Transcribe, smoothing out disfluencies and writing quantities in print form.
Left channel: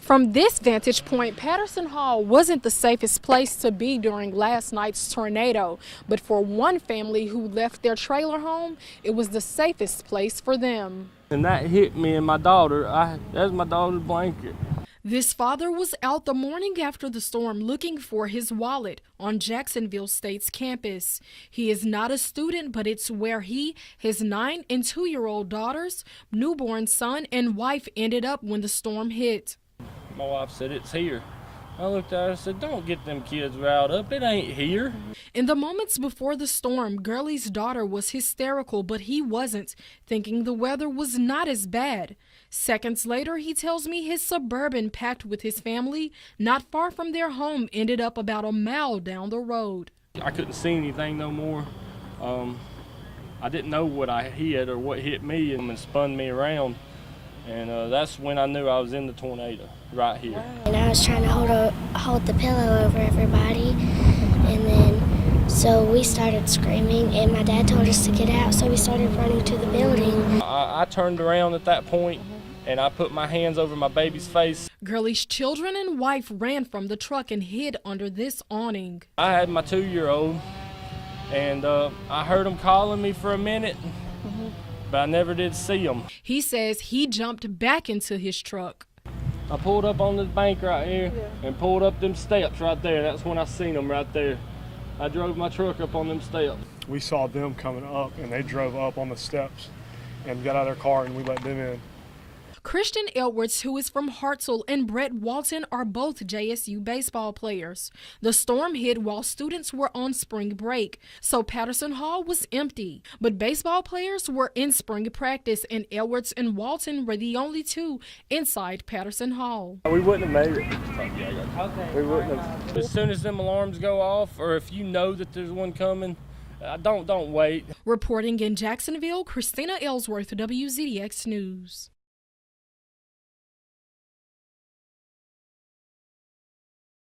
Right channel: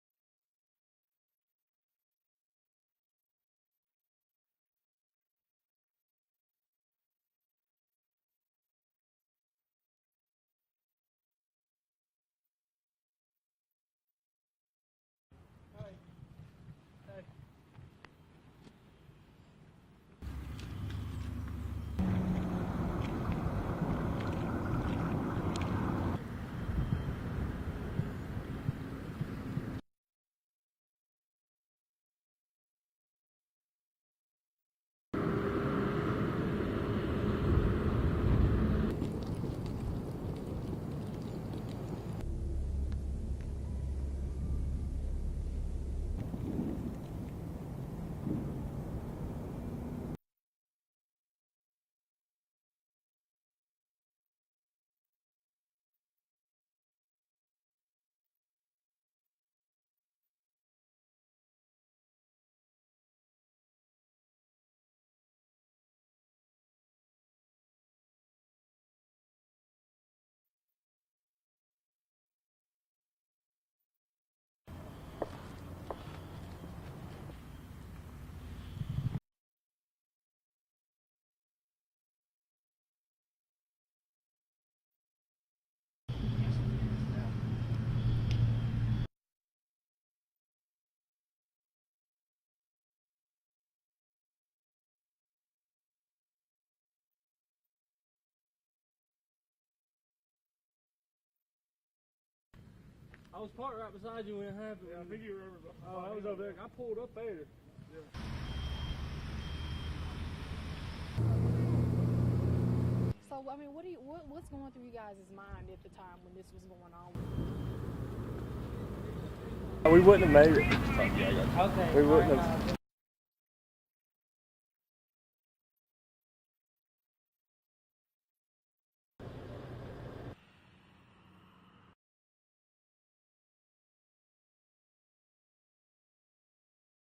From this vantage point, Patterson Hall wasn't the safest place to be during last night's tornado, but for one family who left their trailer home, it was the safest place for them. And that hit me and my daughter. That's my daughter's blanket. This father was out the morning after the storm looking for his wallet on Jacksonville State's campus. He is not a student, but it's where he, his 9 and 2-year-old daughters, newborn son, and wife ended up when the storm hit. My wife said, "It's here." I looked at her and said, "Don't get them kids riled up. It ain't here." In the moments before the storm, Gurley's daughter was hysterical, but he wasn't, thinking the weather was not as bad. Seconds later, he tells me his Suburban packed with his family, not far from their home, ended up about a mile down the road. I couldn't see anything no more. I didn't know what I hit or what hit me and spun me around. And that's when I knew I was in the tornado, right here. And I was trying to hold the pillow over everybody, and then so we started screaming, and my dad told us to get out, so we started running to the building. I turned around at that point, and I put my hands over my baby's face. Gurley's children and wife ran from the truck and hid under this awning. I had my 2-year-old, and I heard him calling me for a minute. But I never did see him. He says he jumped back into his truck. I pulled up on this bank right here and pulled up them steps right there. That's when I seen them right there. I drove my truck up on them steps. We saw them coming up, and they drove up on the steps and got out of their car, and we let them in. Christian Edwards, who is from Hartselle, and Brett Walton are both JSU baseball players. The storm hit while students were on spring break, so Patterson Hall was empty. But baseball players were in spring practice, and Edwards and Walton were the only two inside Patterson Hall. We wouldn't have made it. We wouldn't have. As soon as them alarms go off, or if you know that there's one coming, don't wait. Reporting in Jacksonville, Christina Ellsworth, WZDX News.